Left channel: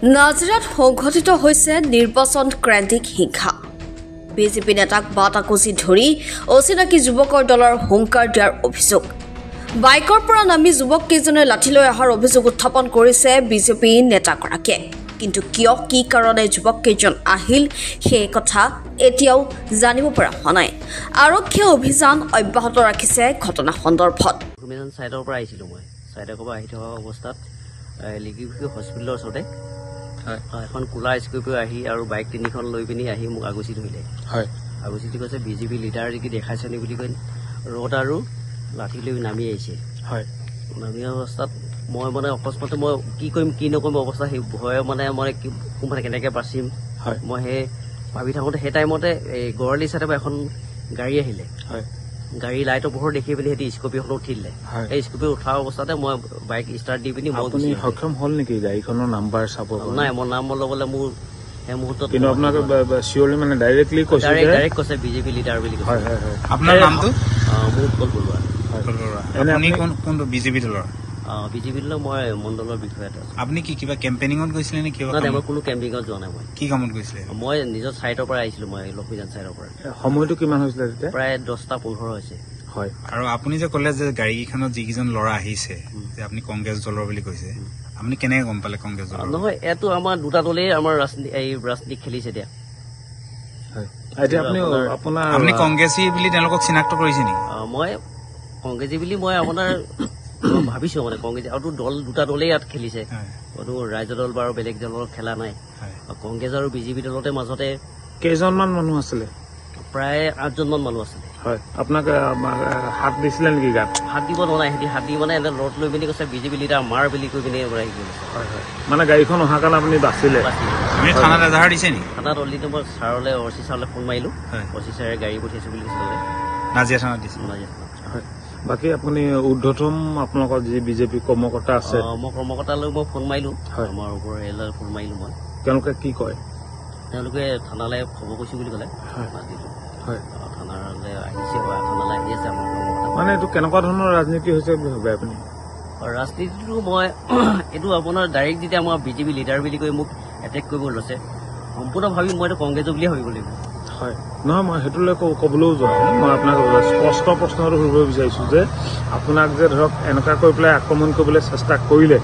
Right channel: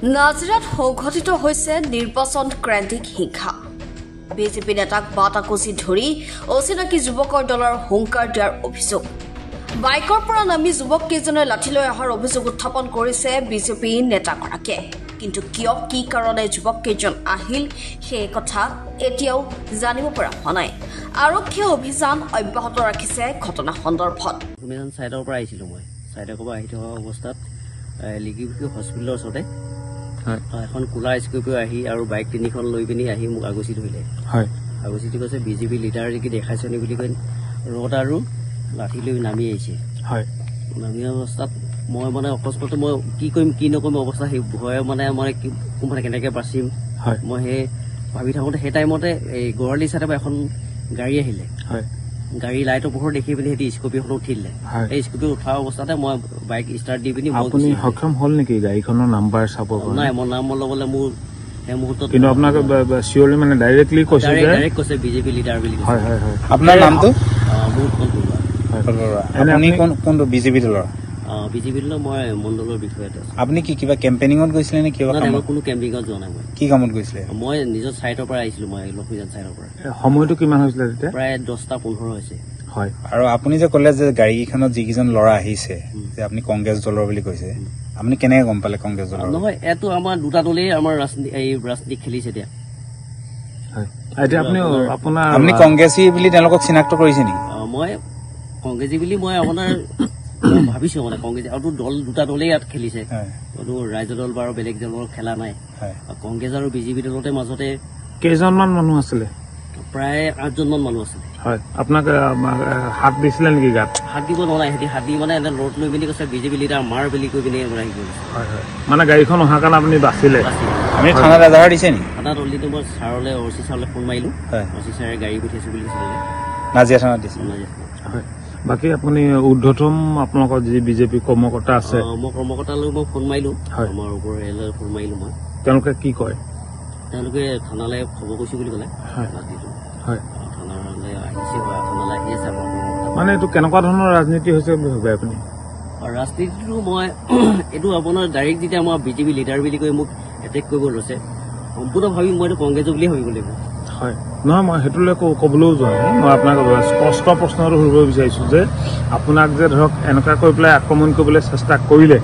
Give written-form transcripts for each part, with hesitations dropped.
নাজিৰাত সংঘটিত হৈছে নিৰ্বাচন ক্ৰান্তিক হিংসা। বিজেপি নেতাক বাটাকুচি ধৰি অচিনাকি যুৱকৰ দলৰ হুংকাৰ দিয়াৰ অভিযোগ। বাইকৰ পৰা নামি যুৱক কেইজনে লাঠি লৈ অহাৰ অভিযোগ উত্থাপন কৰিছে বিজেপি নেতাগৰাকীয়ে। কিন্তু কিয় কি কাৰণে যুৱক কেইজন আহিল সেই কথা এতিয়াও জানিব পৰা হোৱা নাই। আৰক্ষীয়ে অভিযান অব্যাহত ৰাখিছে ঘটনা সন্দৰ্ভত। চাইডৰ পৰা আহিছিলো মই চাইডৰ পৰা আহি থকা অৱস্থাত লিগিবিখি হস্পিটেলৰ ওচৰতে এখন কোলা স্কৰ্পিঅ আহি আৰু বাইক তিনিখন লৈ পিনি আহি মোক আগুচি ধৰিলে। আগুচিটো কৈছে বিজেপি লিডাৰ কি দেখাইছে নি বুলি কৈ ৰড আৰু লাঠি লৈ নামি আহিছে। নামি অৱস্থাত মই মানে অকস্মাতে মই কি কৰিম কি নকৰিম অৱস্থা সেই ভয় মানে মই কোনফালে কেনেকৈ বাচিম মই সেই ভাবি থাকোঁতে সেই টাইমতে এই গড়ালি চাইডৰ পৰা এখন গাড়ী আহিলে। গাড়ী লাইটৰ পোহৰ দেখি পিনি সিহঁতি স্কৰ্পিঅ'খন উঠিলে। সেই স্কৰ্পিঅ' উঠাৰ অৱস্থাতে মই বাইক ষ্টাৰ্ট দি পিনি মই সক্ষম হ'ল নেকি গাড়ীখনৰ নাম্বাৰ চাব? নাই মই নাম ল'বলৈ মোৰ সেই মুহূৰ্তত মানে ডাইৰেক্ট কৈছে বিজেপি লিডাৰ বুলি কৈছে। আপোনাৰ নামটো? মোৰ উৎপল বৰুৱা। আপুনি কোনটো বিজেপি দলৰ? বিজেপি দলৰ মই মণ্ডলৰ বিষয়াটো। আপুনি কি কিবা কেম্পেইনিঙত গৈছিলে নে কিবা? মই কোনো কেম্পেইনিঙত যোৱা নাই। মই কি কামত গৈছিলে? মই নিজৰ চাইডৰ পৰা আহিছিলো। মই লক্ষ্মীজান চাইডৰ পৰা। সময়টো কিমান হৈছিলে তেতিয়া? প্ৰায় 10:15 হৈছে। হয়। আৰু আপুনি যে ক'লে যে গাড়ীখনত যিকেইজন ল'ৰা আহিছে যে আপুনি কংগ্ৰেছ দলৰ বুলি কৈছে, আপুনি কেনেকে গম পালে কংগ্ৰেছ দলৰ? নহয়, এইটো আমাৰ দুটা দলেই আমাৰ ৰাজনীতি খেলিছে এতিয়া। আপুনি কংগ্ৰেছী বুলি তেওঁলোকক চিনাক্ত কৰিছে নেকি? মই কংগ্ৰেছী বুলি মই আপোনাৰ ভাবিছো মানে কংগ্ৰেছ আৰু দল দুটা দলেই ইয়াত খেলিছে। কোনো ৰাজ্য দল বা বেলেগ দলৰ খেলা নাই। কংগ্ৰেছ আৰু বিজেপি দলতে মাজতে কেইজনমান মানুহ আছিলে? প্ৰায় 8জনমান মানুহ আছিলে। আপোনাক হাত দিছিলে নেকি গাত? হাত দিব নোৱাৰে। সিহঁতি হাত দি মানে এটা ৰড লৈ পিনি কৈছে বিজেপি লিডাৰ মাৰ বুলি কৈ পিনি আহি গৈছে। মানে গাড়ীখন অহাৰ কাৰণে আপুনি বাচিলে? আমি থানাত এজাহাৰ দিছে নেকি? থানাত অলৰেডি মই ছাৰলৈ অচি ছাৰলৈ ফোন মাৰিলো। অচি ছাৰে গাড়ী পঠিয়াইছো বুলি কৈছে। নাজিৰা থানাত দিছে? বাকী আপুনি ঊৰ্ধ্বতম আপোনালোকৰ যি বিজেপি কৰ্মকৰ্তা আছে? মই কৰ্মকৰ্তালৈ মই ফোন মাৰিলো। আমাৰ ওপৰ এলৈ ফোন মাৰিলো মই। তেওঁলোকে কি কয়? তেওঁলোকে থানালৈ খবৰ কৰিছো বুলি ক'লে। থানালৈ আহিছে বা থানালৈ আহি আছে। মানে এইটো কেনেকুৱা ধৰণৰ ৰাজনীতি হৈছে বুলি ভাবে আপুনি? ৰাজনীতিটো মই এইটো আপোনাৰ ডাইৰেক্ট যেতিয়া আমাৰ বিজেপি লিডাৰ বুলি কৈ মোক এটেক কৰিব লৈছে সম্পূৰ্ণ ভাবি মই এইটো কংগ্ৰেছ বুলিয়ে ভাবিব লাগিব। হয়, নহয় মই সেইটোলৈ ক'বলৈও যোৱা নাই। মই আপোনাক স্পষ্ট প্ৰশ্ন সুধিব বিচাৰিছো যে আপোনাক যে ধৰক এনেকুৱা কৰি পেলাই আক্ৰমণ কৰিবলৈ চেষ্টা কৰিলে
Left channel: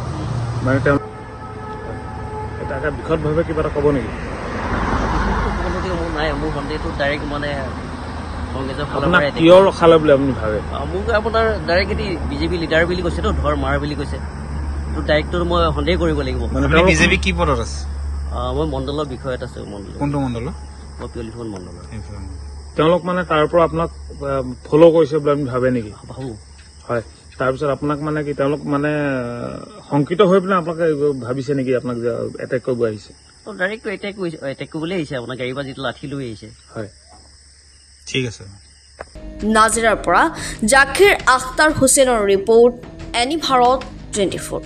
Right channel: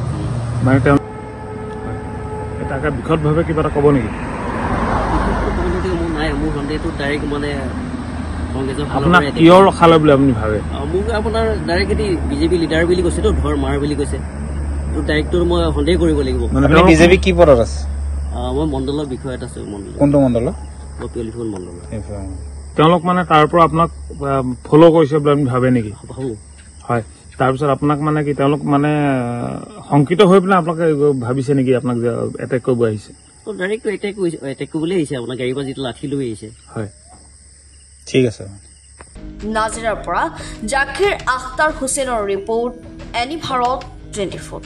মানে তেওঁ তাকে বিশদভাৱে কিবা এটা ক'ব নেকি? মোৰ নাই, মোৰ সন্দেহটো ডাইৰেক্ট মানে কংগ্ৰেছৰ ফালৰ পৰা কিয় ৰখালে বুলি আপুনি ভাবে? মোক আপোনাৰ ডাইৰেক্ট এটি বিজেপি লিডাৰ বুলি কৈছেতো ধৰ মাৰ বুলি কৈছে। ডাইৰেক্টটো মই সন্দেহ কৰিব লাগিব। আপুনি বিজেপি কি পদত আছে? মই মণ্ডলৰ বিষয়ত আছো। কোনটো মণ্ডলৰ? মই পিয়লিফুল মণ্ডলৰ। তেওঁলোক মানে তাৰ পৰা আপোনাক ফ'ল' কৰিছে বুলি আপুনি ভাবে নেকি? ভাবো। হয়, তাৰপিছত আপোনাক মানে কি তেওঁলোক মানে শংকিত হৈ পেলাই আপোনাক ভাবিছে নেকি আপোনাক যে এটেক কৰিব আহিছে? ডাইৰেক্ট এটেক কৰিবলৈ আহিছে। আপোনাৰ গাড়ীৰ পৰা যিটো লাঠি লৈ আহিছে। হয়, ঠিক আছে। নাজিৰাৰ পৰা জাকিৰ আখতাৰ হুছেইনৰ ৰিপৰ্ট, এনি ভাৰত 24।